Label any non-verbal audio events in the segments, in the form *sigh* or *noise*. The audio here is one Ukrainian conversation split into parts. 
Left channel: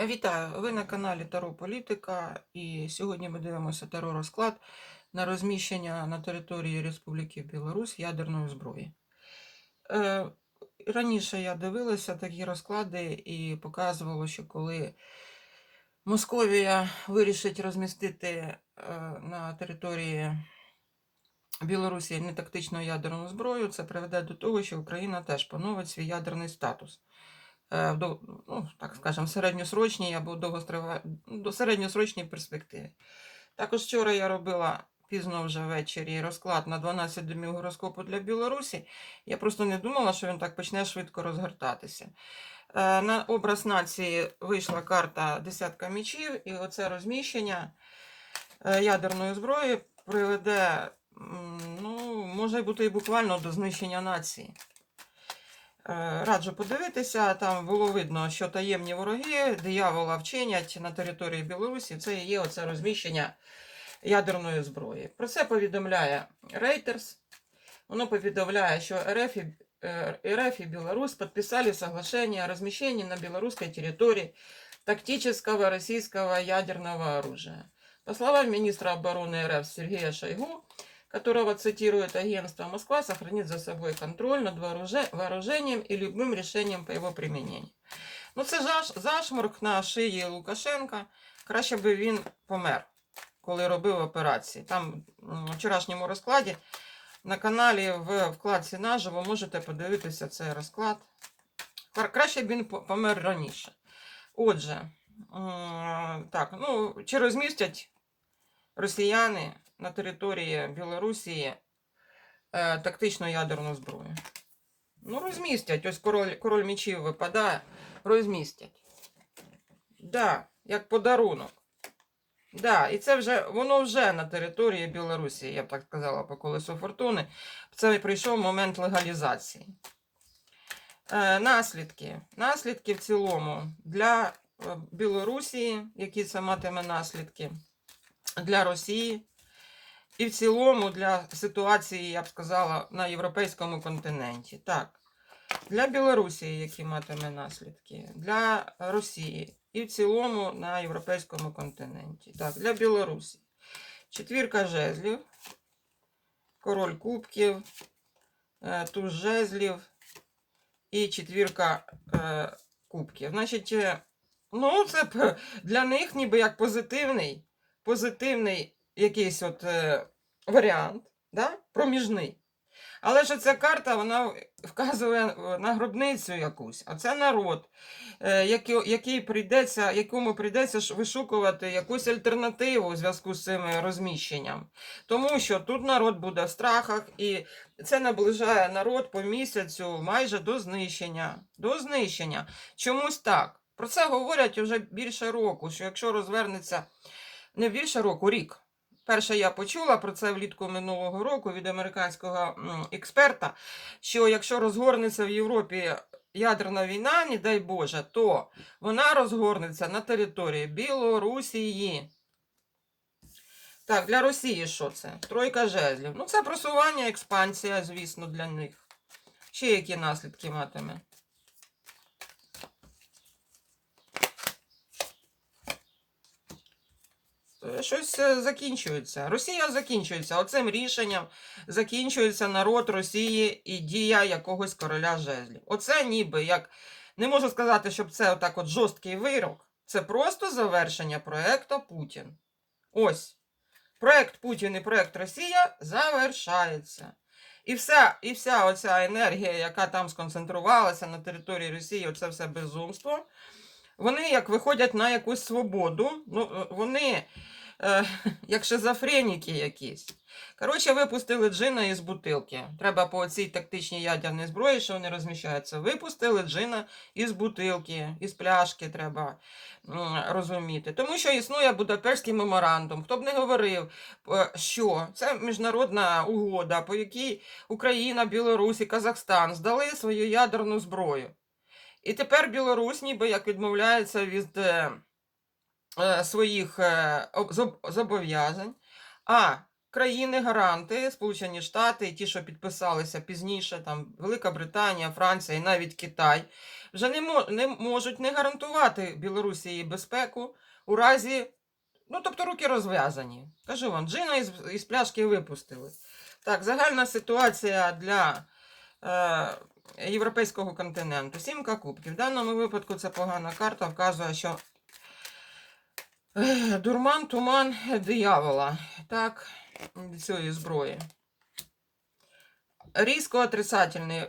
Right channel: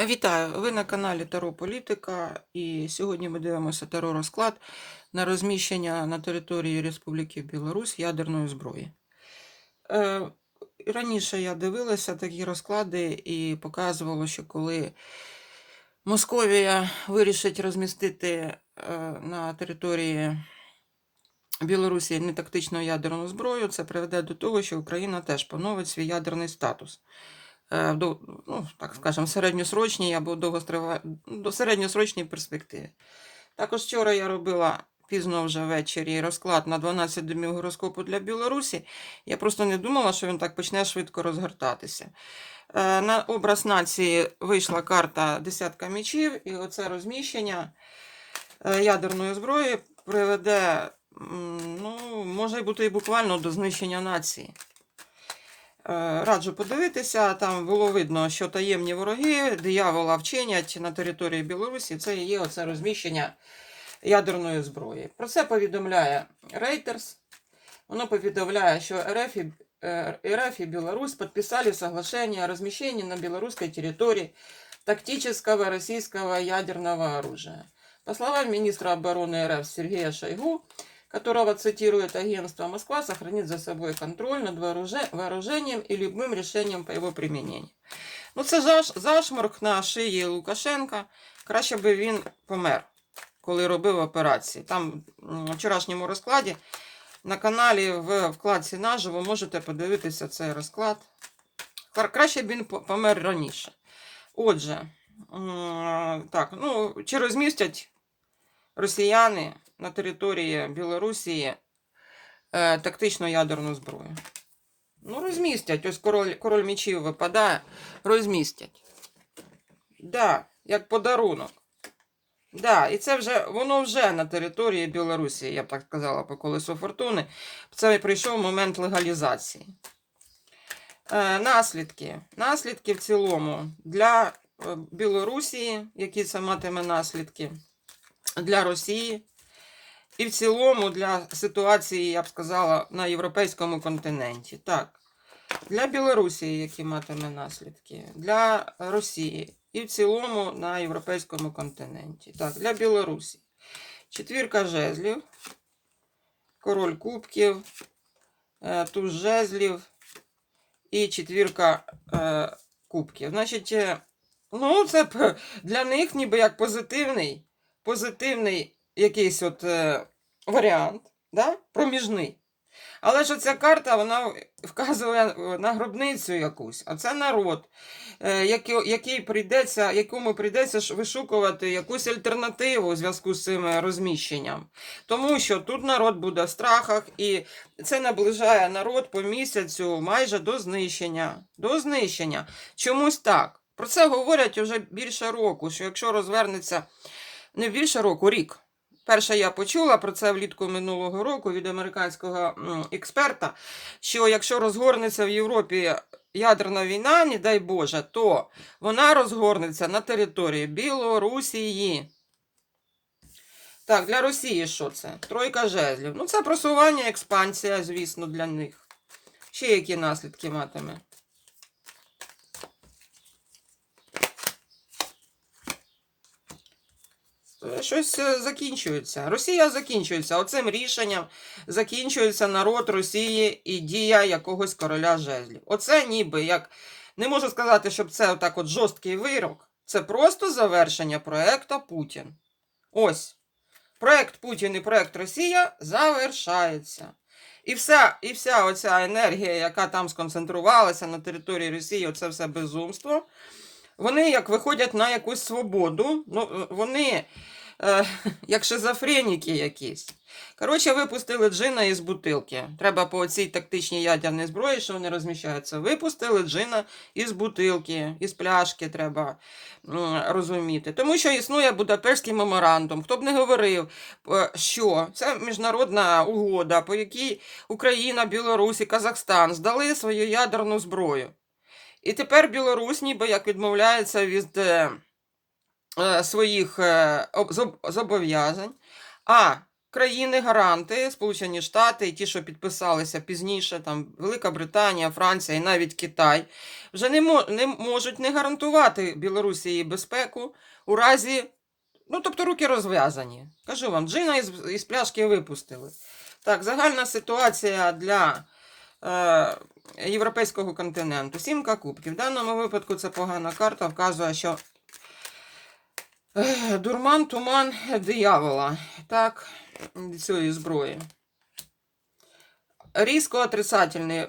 Вітаю! Ви на каналі Таро Політика, і сьогодні ми дивимося таро розклад на розміщення на території Республіки Білорусь ядерної зброї. Е, раніше я дивилася такі розклади і показувало, що коли Московія вирішить розмістити е, на території Білорусі нетактичну ядерну зброю, це приведе до того, що Україна теж поновить свій ядерний статус е, в дов- ну, так скажемо, середньосрочній або довгострива... до середньосрочній перспективі. Також вчора я робила пізно вже ввечері розклад на 12 домів гороскопу для Білорусі. Я просто не думала, що він так почне швидко розгортатися. Е, На образ нації вийшла карта десятка мечів, і оце розміщення е, ядерної зброї приведе, ну, може бути і буквально до знищення нації. Е, Раджу подивитися, там було видно, що таємні вороги диявола вчинять на території Білорусі. Це є оце розміщення ядерної зброї. Про це повідомляє Reuters. Воно повідомляє, що РФ і, е, РФ и Беларусь подписали соглашение о размещении на белорусской территории тактического российского ядерного оружия. По словам министра обороны РФ Сергея Шойгу, которого цитирует агентство Москва, сохранит за собой контроль над вооруже- вооружением и любым решением по его применению. Ну, це заш, зашморг на шиї Лукашенка. Краще би він помер, коли робив операції. Там у вчорашньому розкладі на каналі в вкладці наживо можете подивитися цей розклад. Краще б він помер раніше. Отже, так, ну, чи розмістять росіяни на території Білорусі е, тактичну ядерну зброю? Ну, розмістять. Ось король, король мечів випадає, розмістять. Да, як подарунок. Да, і це вже воно вже на території Білорусі, я б так сказала, по колесу фортуни. Це прийшов момент легалізації. Е, наслідки. Наслідки в цілому для е, Білорусі, які це матиме наслідки, для Росії, і в цілому для ситуації, я б сказала, на європейському континенті. Так, для Білорусі, які матиме наслідки, для Росії і в цілому на європейському континенті. Так, для Білорусі. Четвірка жезлів, король кубків, е, туз жезлів і четвірка е, кубків. Значить, е, ну, це для них ніби як позитивний, позитивний якийсь от е, варіант, да? проміжний. Але ж ця карта вона вказує е, на гробницю якусь, а це народ, е, який, який прийдеться, якому прийдеться вишукувати якусь альтернативу у зв'язку з цим е, розміщенням. Тому що тут народ буде в страхах, і це наближає народ по місяцю майже до знищення. До знищення. Чомусь так. Про це говорять вже більше року, що якщо розвернеться не більше року, рік. Перше я почула про це влітку минулого року від американського експерта, що якщо розгорнеться в Європі ядерна війна, не дай Боже, то вона розгорнеться на території Білорусії. Так, для Росії що це? Тройка жезлів. Ну, це просування, експансія, звісно, для них. Ще які наслідки матиме? Щось е, закінчується. Росія закінчується. Оцим рішенням закінчується народ Росії і дія якогось короля жезлів. Оце ніби як не можу сказати, щоб це отак от жорсткий вирок. Це просто завершення проекту Путін. Ось. Проект Путін і проект Росія завершається. І вся, і вся оця енергія, яка там сконцентрувалася на території Росії, оце все безумство. Вони як виходять на якусь свободу, ну, е, вони е, *laughs* як шизофреніки якісь. Коротше, випустили джина із бутилки. Треба по цій тактичній ядерній зброї, що вони розміщаються. Випустили джина із бутилки, із пляшки треба розуміти. Тому що існує Будапештський меморандум. Хто б не говорив, е, що це міжнародна угода, по якій Україна, Білорусь і Казахстан здали свою ядерну зброю. І тепер Білорусь ніби як відмовляється від е, своїх е, об- зоб- зобов'язань, а країни-гаранти, Сполучені Штати, ті, що підписалися пізніше, там Велика Британія, Франція і навіть Китай, вже не, не можуть не гарантувати Білорусі її безпеку у разі, ну тобто руки розв'язані. Кажу вам, джина із, із пляшки випустили. Так, загальна ситуація для е, європейського континенту. Сімка кубків. В даному випадку це погана карта, вказує, що дурман, туман диявола. Так, цієї зброї. Різко отрицательні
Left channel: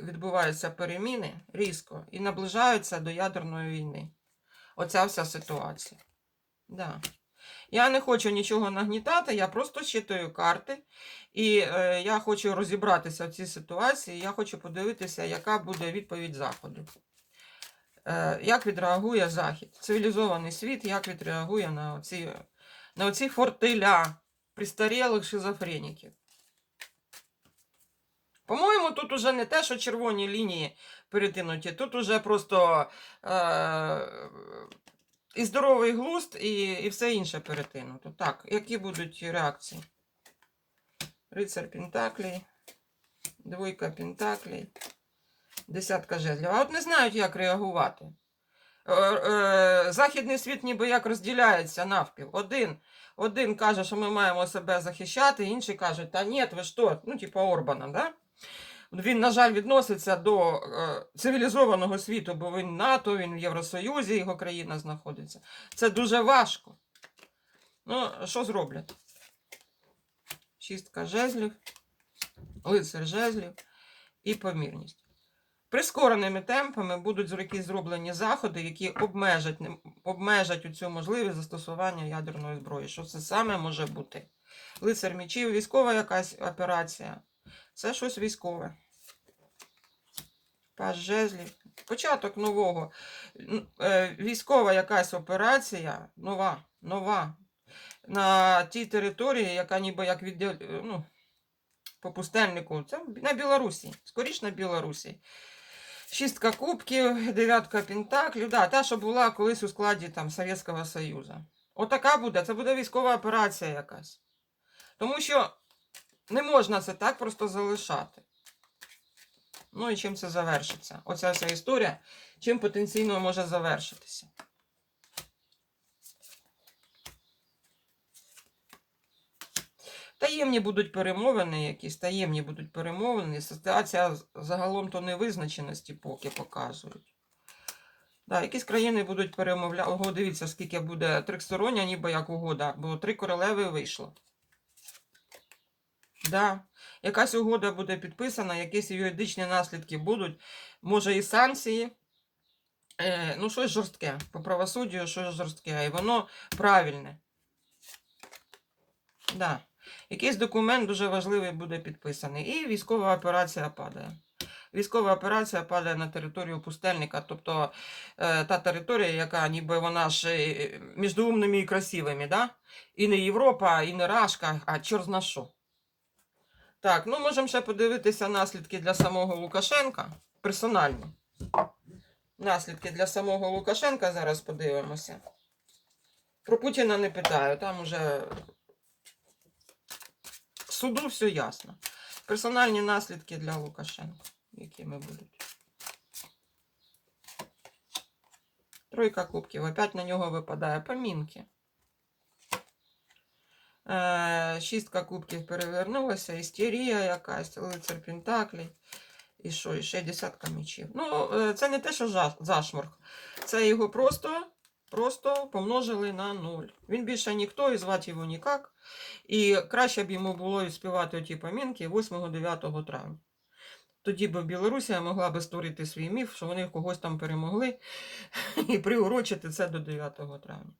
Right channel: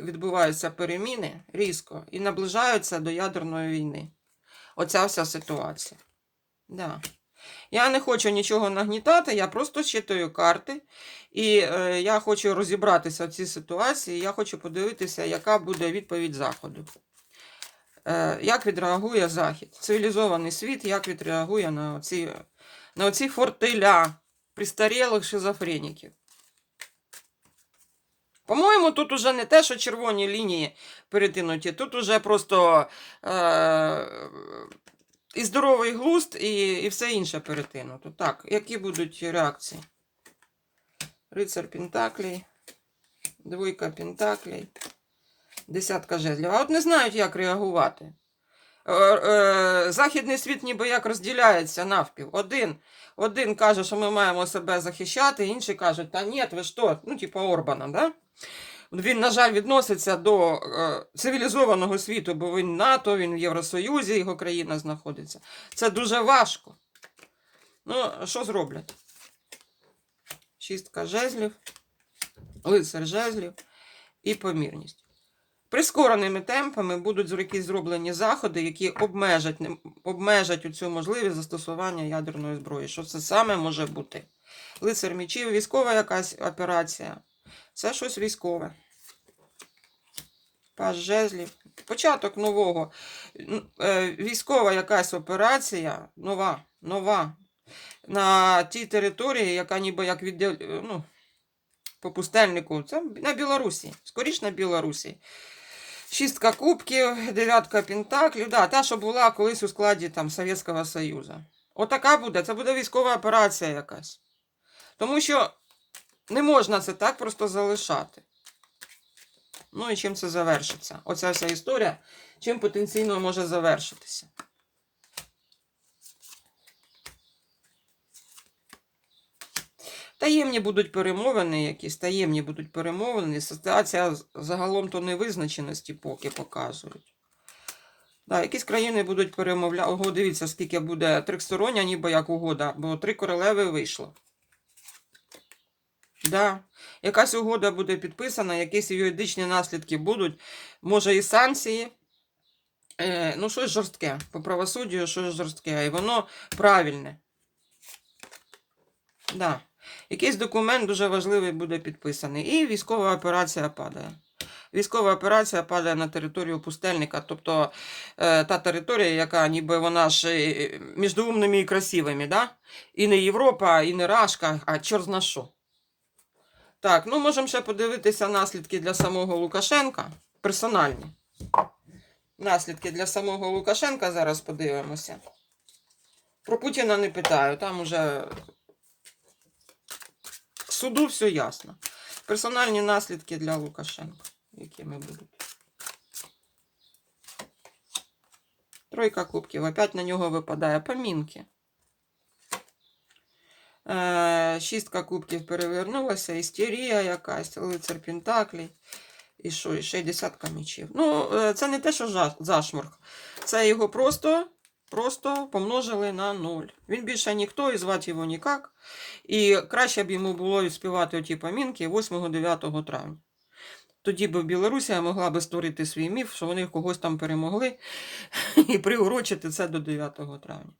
відбуваються переміни, різко, і наближаються до ядерної війни. Оця вся ситуація. Да. Я не хочу нічого нагнітати, я просто щитую карти. І е, я хочу розібратися в цій ситуації. Я хочу подивитися, яка буде відповідь Заходу. Е, як відреагує Захід? Цивілізований світ, як відреагує на оці, на оці фортеля пристарілих шизофреніків. По-моєму, тут уже не те, що червоні лінії перетинуті, тут уже просто е, і здоровий глузд, і, і все інше перетинуто. Так, які будуть реакції? Рицар Пентаклей, двойка Пентаклей, десятка жезлів. А от не знають, як реагувати. Е, е, Західний світ ніби як розділяється навпіл. Один, один каже, що ми маємо себе захищати, інший каже, та ні, ви що, ну, типу Орбана, да? Він, на жаль, відноситься до е, цивілізованого світу, бо він НАТО, він в Євросоюзі, його країна знаходиться. Це дуже важко. Ну, що зроблять? Шістка жезлів, лицар жезлів і помірність. Прискореними темпами будуть якісь зроблені заходи, які обмежать, обмежать цю можливість застосування ядерної зброї. Що це саме може бути? Лицар мечів, військова якась операція. Це щось військове. Паж жезлів. Початок нового. Е, Військова якась операція, нова, нова. На тій території, яка ніби як відділ, е, ну, по пустельнику, це на Білорусі. Скоріш на Білорусі. Шістка кубків, дев'ятка пентаклів. Да, та, що була колись у складі там, Совєтського Союзу. Отака буде, це буде військова операція якась. Тому що не можна це так просто залишати. Ну і чим це завершиться? Оця вся історія, чим потенційно може завершитися. Таємні будуть перемовини, якісь таємні будуть перемовини. Ситуація загалом то невизначеності поки показують. Да, якісь країни будуть перемовляти. Ого, дивіться, скільки буде трикстороння, ніби як угода, бо три королеви вийшло. Да. Якась угода буде підписана, якісь юридичні наслідки будуть. Може, і санкції. Е, ну, щось жорстке. По правосуддю щось жорстке. І воно правильне. Да. Якийсь документ дуже важливий буде підписаний. І військова операція падає. Військова операція падає на територію пустельника, тобто е, та територія, яка ніби вона ж е, між умними і красивими, да? І не Європа, і не Рашка, а чорт зна що. Так, ну можемо ще подивитися наслідки для самого Лукашенка. Персональні. Наслідки для самого Лукашенка зараз подивимося. Про Путіна не питаю, там уже суду все ясно. Персональні наслідки для Лукашенка, якими будуть. Тройка кубків. Опять на нього випадає помінки. Е, шістка кубків перевернулася, істерія якась, лицар Пентаклі. І що, і ще десятка мечів. Ну, е, це не те, що зашморг. Це його просто, просто помножили на нуль. Він більше ніхто і звати його ніяк. І краще б йому було відспівати оті помінки 8-9 травня. Тоді б Білорусія могла би створити свій міф, що вони когось там перемогли, *laughs* і приурочити це до 9 травня.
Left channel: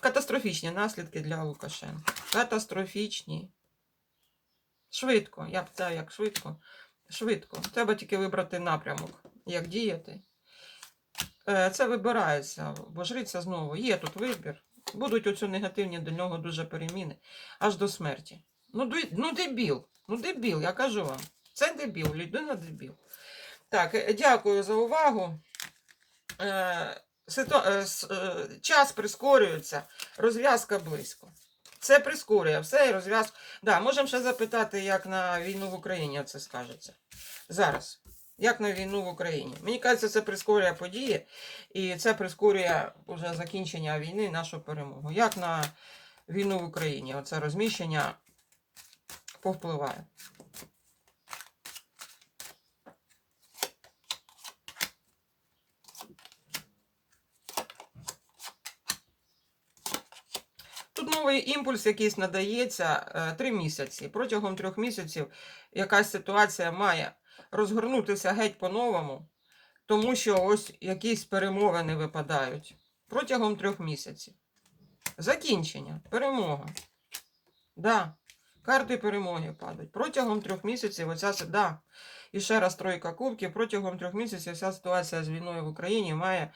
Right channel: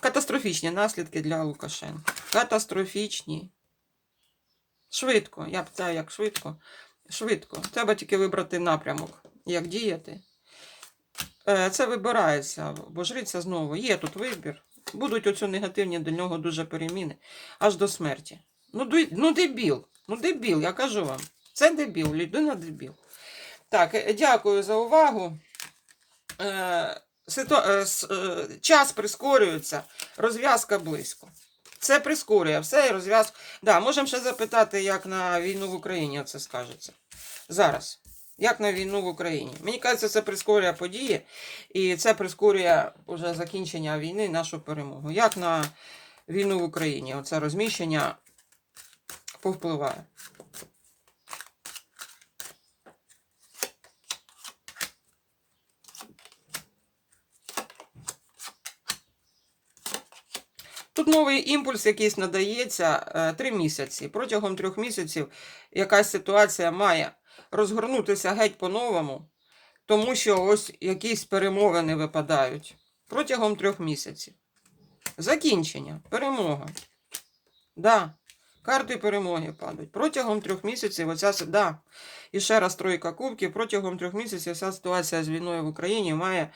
Катастрофічні наслідки для Лукашенка. Катастрофічні. Швидко. Я б це як швидко. Швидко. Треба тільки вибрати напрямок, як діяти. Е, Це вибирається, бо жриця знову. Є тут вибір. Будуть оцю негативні до нього дуже переміни. Аж до смерті. Ну, ну дебіл. Ну дебіл, я кажу вам. Це дебіл, людина дебіл. Так, е, дякую за увагу. Е, час прискорюється, розв'язка близько. Це прискорює все і. Да, можемо ще запитати, як на війну в Україні це скажеться. Зараз. Як на війну в Україні? Мені кажеться, це прискорює події, і це прискорює уже закінчення війни, нашу перемогу. Як на війну в Україні? Оце розміщення повпливає. Тут новий імпульс якийсь надається е, три місяці. Протягом трьох місяців якась ситуація має розгорнутися геть по-новому, тому що ось якісь перемовини випадають протягом трьох місяців. Закінчення, перемога. Да. Карти перемоги падають. Протягом трьох місяців оця да. І ще раз тройка кубків. Протягом трьох місяців вся ситуація з війною в Україні має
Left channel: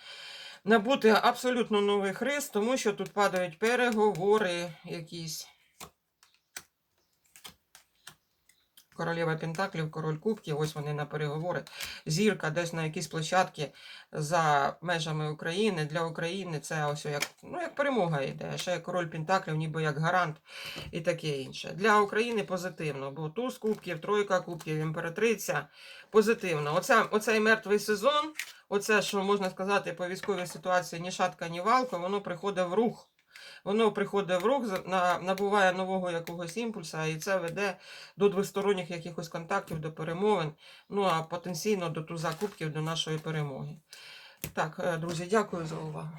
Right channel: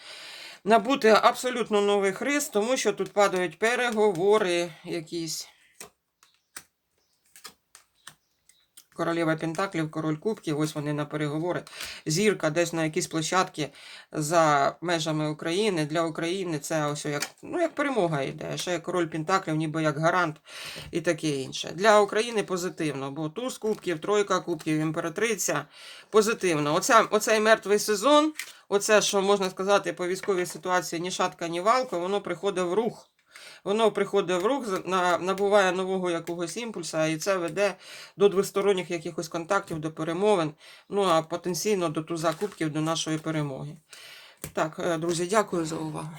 набути абсолютно новий хрест, тому що тут падають переговори якісь. Королева Пентаклів, король кубків, ось вони на переговори. Зірка десь на якійсь площадці за межами України. Для України це ось як, ну, як перемога йде. Ще король Пентаклів, ніби як гарант і таке інше. Для України позитивно, бо туз кубків, тройка кубків, імператриця позитивно. Оця, оцей мертвий сезон, оце, що можна сказати, по військовій ситуації ні шатка, ні валка, воно приходить в рух. Воно приходить в рух, набуває нового якогось імпульса, і це веде до двосторонніх якихось контактів, до перемовин, ну а потенційно до туза кубків, до нашої перемоги. Так, е, друзі, дякую за увагу.